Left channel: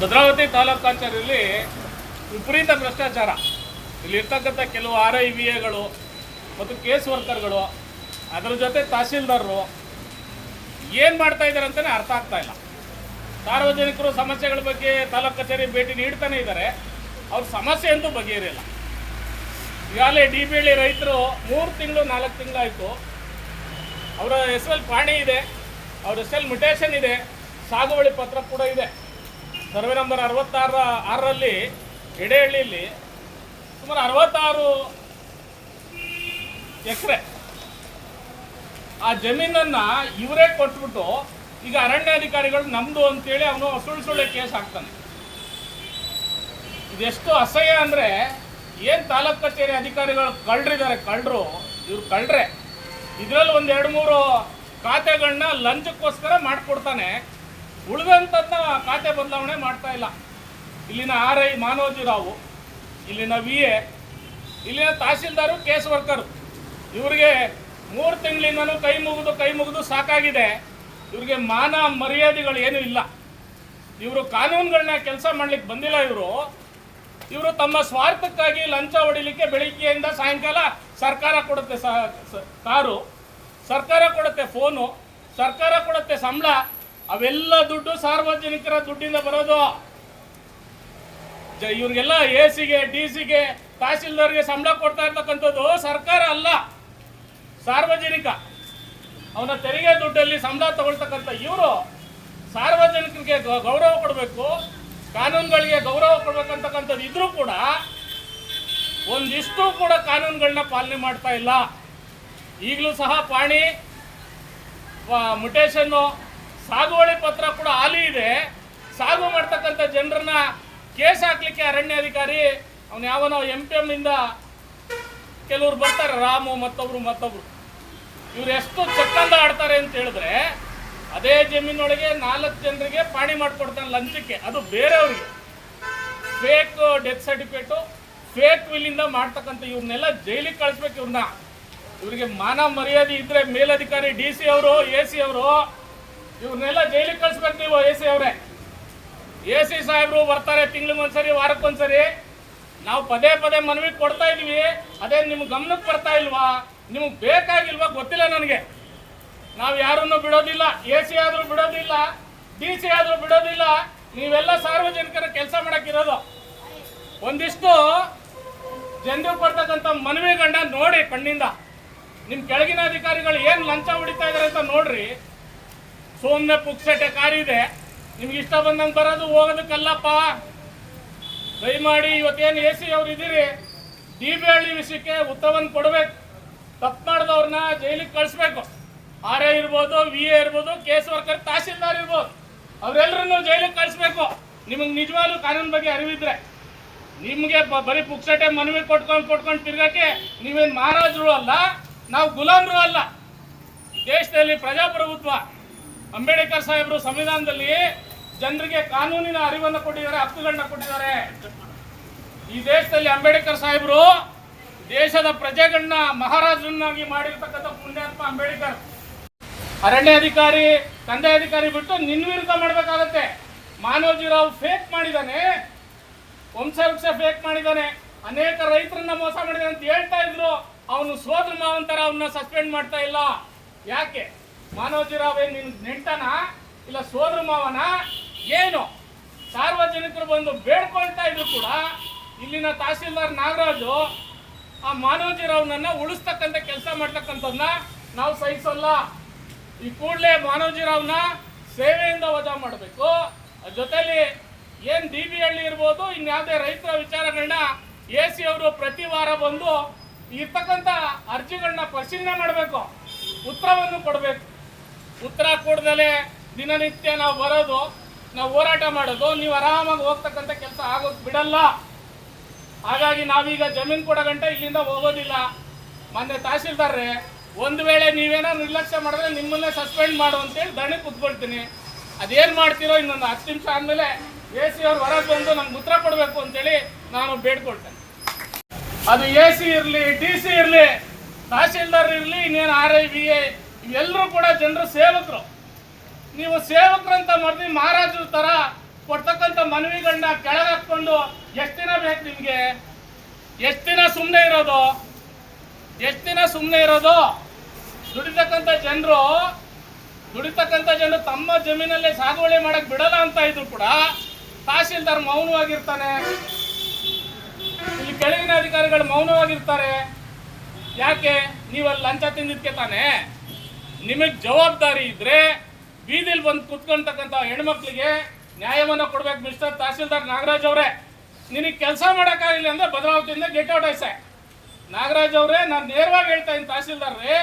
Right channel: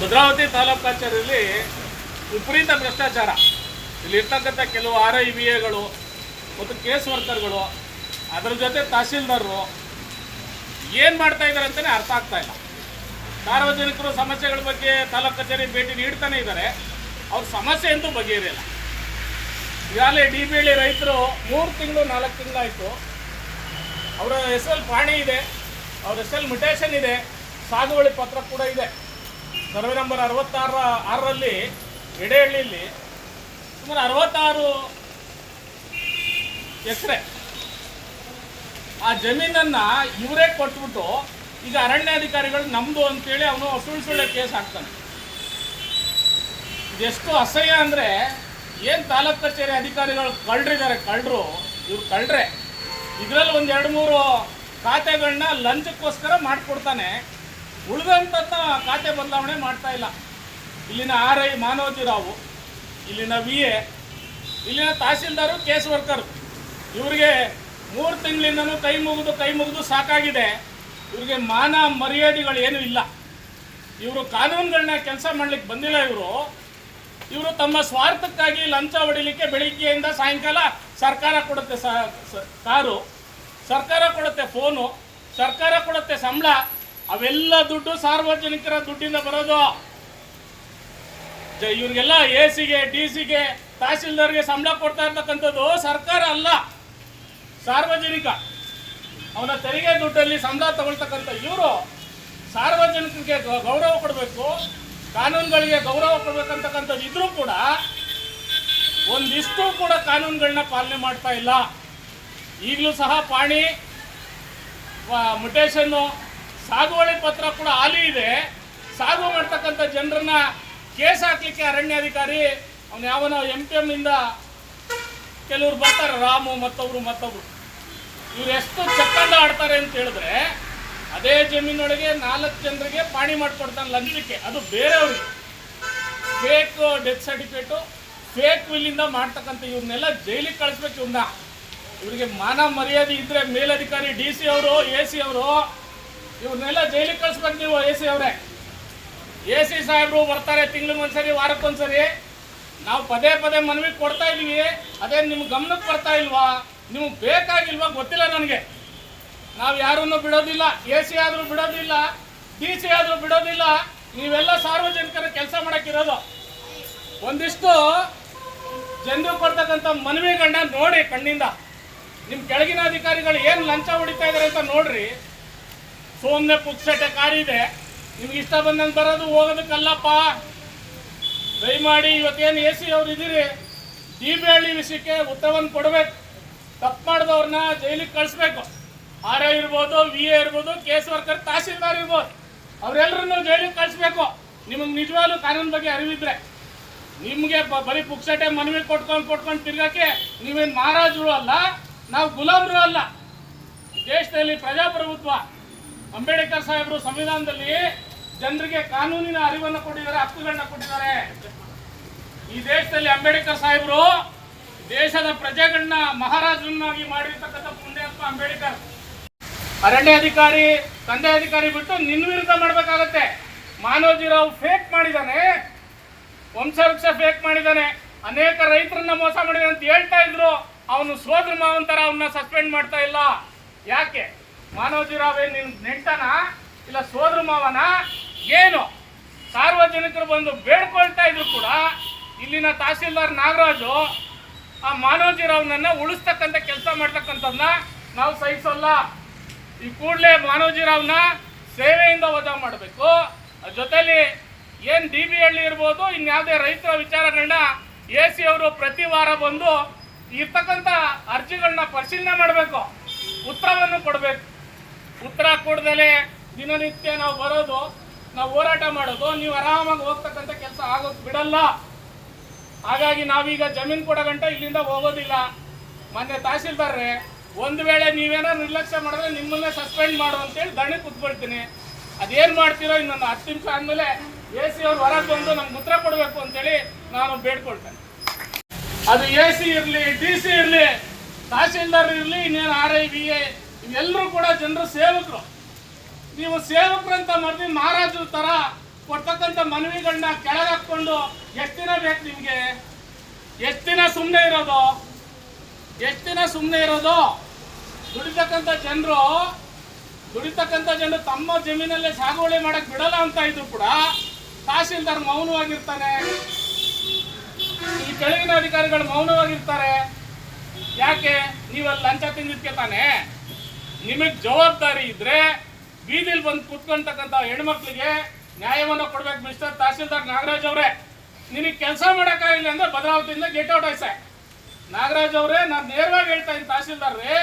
ಭದ್ರಾವತಿ ತಾಲೂಕು ಕಚೇರಿಯಲ್ಲಿ ವಿಪರೀತ ಭ್ರಷ್ಟಾಚಾರ. ಇಲ್ಲಿ ಇರ್ತಕ್ಕಂಥ ಕೆಲವು ಆರ್ ಐ ವಿ ಎಗಳು ಮತ್ತು ಕೇಸ್ ವರ್ಕರ್ಗಳು, ಅದರ ಜೊತೆ ತಹಸೀಲ್ದಾರರು ಏನು ಮಾಡ್ತಾ ಇದ್ದಾರೆ ಅಂತಲೇ ಅರ್ಥ ಆಗ್ತಾ ಇಲ್ಲ. ಸಾರ್ವಜನಿಕರು ಸಮಸ್ಯೆಗಳ ಬಗ್ಗೆ ತಾಲೂಕು ಕಚೇರಿ ಭೇಟಿ ನೀಡ್ತಾನೆ ಇದ್ದಾರೆ ಅವ್ರ ಸಮಸ್ಯೆ ಅಂತೂ ಬಗೆಹರಿಯಲ್ಲ. ಈಗಾಗಲೇ ಡಿ ಬಿ ಹಳ್ಳಿ ರೈತರು ಮೂರು ತಿಂಗಳು, ನಾಲ್ಕು ತಿಂಗಳಾಯಿತು. ಅವರ ಹೆಸರಲ್ಲಿ ಪಾಣಿ ಇದೆ, ಅವ್ರ ಹೆಸರಲ್ಲಿ ಮ್ಯುಟೇಷನ್ ಇದೆ, ಸಾಗುವಳಿ ಪತ್ರ ಕೂಡ ಇದೆ. ಸರ್ವೆ ನಂಬರ್ ಅರವತ್ತಾರ ಆರರಲ್ಲಿ ಎಡೆಹಳ್ಳಿಯಲ್ಲಿ ಸುಮಾರು ಅರವತ್ತಾರು ಎಕರೆ ಆ ಜಮೀನನ್ನ ಇವರೇ ಕೊಟ್ಬಿಟ್ಟು ಈಗ ಅರಣ್ಯಾಧಿಕಾರಿಗಳು ನಮ್ದು ಅಂತೇಳಿ ಅವನು ಸುಳ್ಳು ಸುಳ್ಳೆ ಕೇಸ್ ಹಾಕ್ತಾನೆ. ಇದೆಷ್ಟು ಅಸಹ್ಯ ಅಂದ್ರೆ ಏನ್ ತಾಲೂಕ್ ಕಚೇರಿ ಅಧಿಕಾರಿಗಳು ಕಳ್ರಿದ್ದಾರೆ ಕಳ್ಳರು, ಇವ್ರು ಕಳ್ರೆ ಇದ್ರಲ್ಲಿ ಒಂದ್ ಎರಡು ಮೂರು ಖಾತೆಗಳನ್ನ ಲಂಚಕ್ಕೋಸ್ಕರ ಮಾಡ್ಕೊಡ್ತಾನೆ. ಉಳಿದಂತ ಖಾತೆ ಬದಲಾವಣೆ ಮಾಡ್ತಾ ಇಲ್ಲ. ಇಲ್ಲಿನ ಆರ್ ಐ ಮಾನವಜಿ ರಾವು ಇಲ್ಲಿನ ವಿ ಎ, ಇಲ್ಲಿನ ತಹಸೀಲ್ದಾರು, ಕೇಸ್ ವರ್ಕರ್. ಇವರಿಗೆ ಮೂರು ತಿಂಗಳಿಂದಲೂ ಕೈ ಮುಗಿದು ಕೈ ಮುಗಿದು ಸಾಕಾಗಿದೆ. ಇವರಿಗೆ ಮಾನ ಮರ್ಯಾದೆಗಳು ಏನೂ ಇಲ್ಲ. ಇವರು ಕಾನೂನುಗಳನ್ನ ಕೆಲಸ ಮಾಡ್ಲಿಕ್ಕೆ ಬಂದಿಲ್ಲ ಇವರು. ಇವರು ತಮ್ಮ ಸ್ವಾರ್ಥಕ್ಕಾಗಿ ಲಂಚ ಹೊಡಿಲಿಕ್ಕೆ ಬೆಳಿಗ್ಗೆಯಿಂದ ಸಾಯಂಕಾಲ ಸರ್ಕಾರ ಕೊಡುತ್ತೆ ಕಾರು. ಸರ್ಕಾರ ಕೊಡುತ್ತೆ ಫೋನು. ಸರ್ಕಾರ ಕೊಡುತ್ತೆ ಸಂಬಳ. ಅವೆಲ್ಲ ದುಡ್ಡು ಸಾರ್ವಜನಿಕರ ದುಡ್ಡಿಂದ ಬರೋದು. ಇವ್ರಿಗೆಲ್ಲ ಎ ಸಿಗೆ ಡಿ ಸಿಗೆ ತಹಸೀಲ್ದಾರ್ಗೆ ಸಂಬಳ ಕೊಡ್ತಾ ಇರ್ತಕ್ಕಂಥದ್ದು ಸರ್ಕಾರ ಅಲ್ಲ. ಸಾರ್ವಜನಿಕ. ಅವನ ತೆರಿಗೆ ದುಡ್ಡಲ್ಲಿ ಸಂಬಳ ತಗೊಳ್ತಕ್ಕಂಥ ಇವರು ಸಾರ್ವಜನಿಕರಿಗೆ ಗೌರವ ಕೊಡಬೇಕು, ಕಾನೂನುಗಳಿಗೆ ಗೌರವ ಕೊಡ್ಬೇಕಂತಕ್ಕಂಥದ್ದು ಇದ್ರೂ ಕೂಡ ಒಂದಿಷ್ಟು ಕೂಡ ಕಾನೂನುಗಳನ್ನ ಪಾಲನೆ ಮಾಡ್ತಾ ಇಲ್ಲ. ಈಗಲೂ ಸಹ ಪಾಣಿ ಮುಟೇಶನ್ನು ಸಾಗುವಳಿ ಪತ್ರ ಕೂಡ ಹಾಲಿ ಇದೆ. ಸಾಗು ಮಾಡ್ತಕ್ಕಂಥ ಜನರನ್ನ ಕೇಸ್ ಹಾಕ್ಲಿಕ್ಕೆ ಅರಣ್ಯಾಧಿಕಾರಿ, ಅವನು ಯಾವನೋ ಎಂ ಪಿ ಎಂ ಇಂದ ಕೆಲವ್ರು ಬರ್ತಾರೆ, ರಾಮು ಮತ್ತೊಬ್ರು ಮತ್ತೊಬ್ರು ಇವ್ರು ಎಷ್ಟು ಚಕ್ಕಂದ ಆಡ್ತಾರೆ ಅಂತ ಹೇಳಿದ್ರೆ, ಅದೇ ಜಮೀನೊಳಗೆ ನಾಲ್ಕು ಜನರಿಗೆ ಪಾಣಿ ಮಾಡಿಕೊಡ್ತಾನೆ ಲಂಚಕ್ಕೆ. ಅದು ಬೇರೆಯವ್ರಿಗೆ. ಫೇಕ್ ಡೆತ್ ಸರ್ಟಿಫಿಕೇಟು ಫೇಕ್ ವಿಲ್ಲಿಂದ ಮಾಡ್ತಕ್ಕಂಥ ಇವ್ರನ್ನೆಲ್ಲ ಜೈಲಿಗೆ ಕಳಿಸ್ಬೇಕು ಇವ್ರನ್ನ ಇವರಿಗೆ ಮಾನ ಮರ್ಯಾದೆ ಇದ್ರೆ ಮೇಲಧಿಕಾರಿ ಡಿ ಸಿ ಅವರು ಎ ಸಿ ಅವರು ಇವ್ರನ್ನೆಲ್ಲ ಜೈಲಿಗೆ ಕಳ್ಸ್ಕೊಂತೀವ ಎ ಸಿ ಅವರೇ. ಎ ಸಿ ಸಾಹೇಬರು ಬರ್ತಾರೆ ತಿಂಗಳಿಗೊಂದ್ಸರಿ ವಾರಕ್ಕೊಂದ್ಸರಿ ನಾವು ಪದೇ ಪದೇ ಮನವಿ ಕೊಡ್ತಾ ಇದೀವಿ. ಅದೇ ನಿಮ್ಗೆ ಗಮನಕ್ಕೆ ಬರ್ತಾ ಇಲ್ವಾ? ನಿಮ್ಗೆ ಬೇಕಾಗಿಲ್ವಾ ಗೊತ್ತಿಲ್ಲ ನನಗೆ. ನಾವು ಯಾರನ್ನು ಬಿಡೋದಿಲ್ಲ. ಎ ಸಿ ಆದರೂ ಬಿಡೋದಿಲ್ಲ. ಡಿ ಸಿ ಆದರೂ ಬಿಡೋದಿಲ್ಲ. ನೀವೆಲ್ಲ ಸಾರ್ವಜನಿಕರ ಕೆಲಸ ಮಾಡೋಕ್ಕಿರೋದು. ಒಂದಿಷ್ಟು ಜನರು ಕೊಡ್ತಕ್ಕಂಥ ಗಂಡ ನೋಡಿ ಕಣ್ಣಿಂದ. ನಿಮ್ಮ ಕೆಳಗಿನ ಅಧಿಕಾರಿಗಳು ಏನು ಲಂಚ ಹೊಡಿತಾ ಇದ್ದಾರೆ ಅಂತ ನೋಡ್ರಿ. ಸೋಮ್ನೆ ಪುಕ್ಸಟೆ ಕಾರಿದೆ. ನಿಮ್ಗೆ ಇಷ್ಟ ಬಂದಂಗೆ ಬರೋದು ಹೋಗೋದಕ್ಕಲ್ಲಪ್ಪ. ದಯಮಾಡಿ ಇವತ್ತೇನು ಎ ಸಿ ಅವ್ರು ಇದ್ದೀರಿ ಡಿ ಬಿ ಹಳ್ಳಿ ವಿಷಯಕ್ಕೆ ಉತ್ತರವನ್ನು ಕೊಡಬೇಕು. ತಪ್ಪು ಮಾಡಿದವ್ರನ್ನ ಜೈಲಿಗೆ ಕಳಿಸ್ಬೇಕು. ಆರ್ ಎ ಇರ್ಬೋದು, ವಿ ಎ ಇರ್ಬೋದು, ಕೇಸ್ ವರ್ಕರ್, ತಹಸೀಲ್ದಾರ್ ಇರ್ಬೋದು. ಅವರೆಲ್ಲರನ್ನು ಜೈಲಿಗೆ ಕಳಿಸ್ಬೇಕು. ನಿಮಗೆ ನಿಜವಾಗ್ಲೂ ಕಾನೂನು ಬಗ್ಗೆ ಅರಿವಿದ್ರೆ. ನಿಮಗೆ ಬರೀ ಪುಕ್ಸಟೆ ಮನವಿ ಕೊಟ್ಕೊಂಡು ಕೊಟ್ಕೊಂಡು ತಿರ್ಗಕ್ಕೆ ನೀವೇನು ಮಹಾರಾಜರು ಅಲ್ಲ, ನಾವು ಗುಲಾಮರು ಅಲ್ಲ. ದೇಶದಲ್ಲಿ ಪ್ರಜಾಪ್ರಭುತ್ವ. ಅಂಬೇಡ್ಕರ್ ಸಾಹೇಬರು ಸಂವಿಧಾನದಲ್ಲಿ ಜನರಿಗೆ ಕಾನೂನಿನ ಅರಿವನ್ನು ಕೊಟ್ಟಿದ್ದಾರೆ, ಹಕ್ಕುಗಳನ್ನ ಕೊಟ್ಟಿದ್ದಾರೆ. ಈ ದೇಶದಲ್ಲಿ ಅಂಬೇಡ್ಕರ್ ಸಾಹೇಬರು ದೇಶದ ಪ್ರಜೆಗಳನ್ನ ಮಹಾರಾಜರನ್ನಾಗಿ ಮಾಡಿರ್ತಕ್ಕಂಥ ಪುಣ್ಯಾತ್ಮ ಅಂಬೇಡ್ಕರ್. ಅರಣ್ಯ ಅಧಿಕಾರಿ, ತಂದೆ ಅಧಿಕಾರಿ ಬಿಟ್ಟು ನಿನ್ನ ವಿರುದ್ಧ ಮಾಡ್ಬೇಕಾಗತ್ತೆ. ಮಾನವಜಿರಾವ್ ಫೇಕ್ ಮಾಡಿದಾನೆ ವಂಶವೃಕ್ಷ ಫೇಕ್ ಮಾಡಿದಾನೆ ಅನೇಕ ರೈತರನ್ನ ಮೋಸ ಮಾಡಿದಾನೆ ಅಂತ ಹೇಳ್ತಾ ಇದ್ರು. ಅವನು ಸೋದರ ಮಾವಂತರ, ಅವನ್ನ ಸಸ್ಪೆಂಡ್ ಮಾಡ್ತಾ ಇಲ್ಲ. ಯಾಕೆ? ಮಾನವಜಿರಾವ್ ಏನ್ ನಿನ್ ನೆಂಟನ ಇಲ್ಲ ಸೋದರ ಮಾವನ ಏನು? ಸಾರ್ವಜನಿಕರು ಬಂದು ಬೇಡ್ಕೊಳ್ತಾ ಇದ್ರು ಕೂಡ ಇಲ್ಲಿನ ತಹಸೀಲ್ದಾರ್ ನಾಗರಾಜು ಆ ಮಾನವಜಿರಾವ್ನನ್ನ ಉಳಿಸ್ತಕ್ಕಂಥ ಕೆಲಸ ಮಾಡ್ತಕ್ಕಂಥದ್ದನ್ನ ನಾವು ಸಹಿಸೋಲ್ಲ. ಈ ಕೂಡಲೇ ಮಾನವಜಿರಾವ್ನ ಸೇವೆಯಿಂದ ವಜಾ ಮಾಡಬೇಕು. ಜೊತೆಲಿ ಏನು ಡಿ ಬಿ ಹಳ್ಳಿ ಇರ್ಬೋದು, ಇನ್ಯಾವುದೇ ರೈತರ ವಿಚಾರಗಳನ್ನ ಎ ಸಿ ಅವರು ಪ್ರತಿ ವಾರ ಬಂದು ಇರ್ತಕ್ಕಂಥ ಅರ್ಜಿಗಳನ್ನ ಪರಿಶೀಲನೆ ಮಾಡಬೇಕು. ಉತ್ತರವನ್ನು ಕೊಡಬೇಕು. ಉತ್ತರ ಕೊಡದಲೆ ದಿನನಿತ್ಯ ನಾವು ಬರೋದು, ನಾವು ಹೋರಾಟ ಮಾಡೋದು, ನೀವು ಆರಾಮಾಗಿ ಹೋಗ್ತಕ್ಕಂಥ ಕೆಲಸ ಆಗೋದು ಬಿಡಲ್ಲ. ಹಾಗಾಗಿ ನಾವೀಗ ಜಮೀನು ಕೊಡೋ ಗಂಟ ಇಲ್ಲಿಂದ ಹೋಗೋದಿಲ್ಲ. ಮೊನ್ನೆ ತಹಸೀಲ್ದಾರ್ರೆ, ಒಂದು ವೇಳೆ ನೀವೇನೋ ನಿರ್ಲಕ್ಷ್ಯ ಮಾಡಿದ್ರೆ ನಿಮ್ಮನ್ನೇ ಸಸ್ಪೆಂಡ್ ಮಾಡು ಅಂತೇಳಿ ದಣಿ ಕುತ್ಕೊಳ್ತೀನಿ. ಅದೇನು ಮಾಡ್ತೀರೋ ಇನ್ನೊಂದು ಹತ್ತು ನಿಮಿಷ ಆದಮೇಲೆ ಎ ಸಿ ಅವ್ರು ಹೊರಗೆ ಬಂದು ನಮ್ಗೆ ಉತ್ತರ ಕೊಡಬೇಕು ಅಂತೇಳಿ ನಾನು ಬೇಡ್ಕೊಳ್ತೇನೆ. ಅದು ಎ ಸಿ ಇರಲಿ, ಡಿ ಸಿ ಇರಲಿ, ತಹಸೀಲ್ದಾರ್ ಇರಲಿ, ಇನ್ನೇನು ಆರ್ ಐ ಬಿ ಎ ಇವೆಲ್ಲರೂ ಕೂಡ ಜನರು ಸೇವಕರು. ನೀವು ಸೇವಕರಂತ ಮರ್ದಿ ಮಹಾರಾಜರ ತರ ಕೊಡ್ತಕ್ಕಂಥ ಮನವಿಗಳನ್ನ ಕೆಳಗೆ ಹಾಕ್ಕೊಂಡು ಎಷ್ಟು ದಿನ ಬೇಕು ನಿಮಗೆ? ಎಷ್ಟು ದಿನ ಸುಮ್ಮನೆ ಇರೋದು? ಎಷ್ಟು ದಿನ ಸುಮ್ಮನೆ ಇರೋದು? ದುಡಿತಕ್ಕಂಥ ಜನರು ದುಡಿತಕ್ಕಂಥ ಜನರು ತಮ್ಮ ಜಮೀನಲ್ಲೇ ಸಾಗುವಳಿ ಮಾಡಕ್ ಬಿಡಲ್ಲ ಅಂತ ಇದ್ರು ಕೂಡ ತಹಶೀಲ್ದಾರ್ ಮೌನವಾಗಿರ್ತಾನೆ. ಇಲ್ಲಿ ಕೆಳಗಿನ ಅಧಿಕಾರಿಗಳು ಮೌನವಾಗಿರ್ತಾರೆ. ಯಾಕೆ? ನೀವಲ್ಲಿ ಲಂಚ ತಿಂದಿದ್ಕೆ ತಾನೆ? ನಿಮಗೆ ಜವಾಬ್ದಾರಿ ಇದ್ರೆ ಬೀದಿಲಿ ಬಂದು ಕುತ್ಕೊಂತಕ್ಕಂಥ ಹೆಣ್ಮಕ್ಳಿಗೆ ನ್ಯಾಯವನ್ನ ಕೊಡ್ಬೇಕು ಮಿಸ್ಟರ್ ತಹಸೀಲ್ದಾರ್ ನಾಗರಾಜ್ ಅವರೇ. ನಿನಗೆ ಕೆಲಸ ಮಾಡೋಕ್ಕಾಗಿಲ್ಲ ಅಂದ್ರೆ ಭದ್ರಾವತಿಯಿಂದ ಗೆಟ್ ಔಟ್ ಐಸೆ ನಾಗರಾಜ್ ಅವರೇ, ನಾನು ನೇರವಾಗಿ ಹೇಳ್ತಾ ಇದ್ದೀನಿ ತಹಸೀಲ್ದಾರ್ರಿ,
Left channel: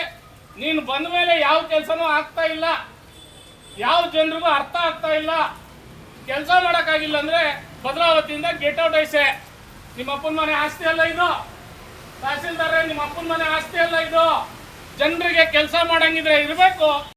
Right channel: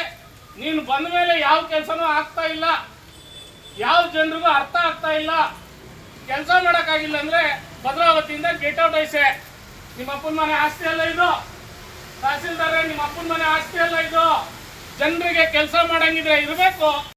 ನೀನು ಬಂದ ಮೇಲೆ ಯಾವ ಕೆಲಸನೂ ಆಗ್ತಾ ಇಲ್ಲ. ಯಾವ ಜನರಿಗೂ ಅರ್ಥ ಆಗ್ತಾ ಇಲ್ಲ. ಕೆಲಸ ಮಾಡೋಕ್ಕಾಗಿಲ್ಲ ಅಂದ್ರೆ ಭದ್ರಾವತಿಯಿಂದ ಗೆಟ್ ಔಟ್ ಐಸೆ ನಿಮ್ಮ ಅಪ್ಪನ ಮನೆ ಆಸ್ತಿ ಅಲ್ಲ ಇದು. ತಹಸೀಲ್ದಾರ್ ನಿಮ್ಮ ಅಪ್ಪನ ಮನೆ ಆಸ್ತಿ ಅಲ್ಲ ಇದು. ಜನರಿಗೆ ಕೆಲಸ ಮಾಡಂಗಿದ್ರೆ ಇರಬೇಕು.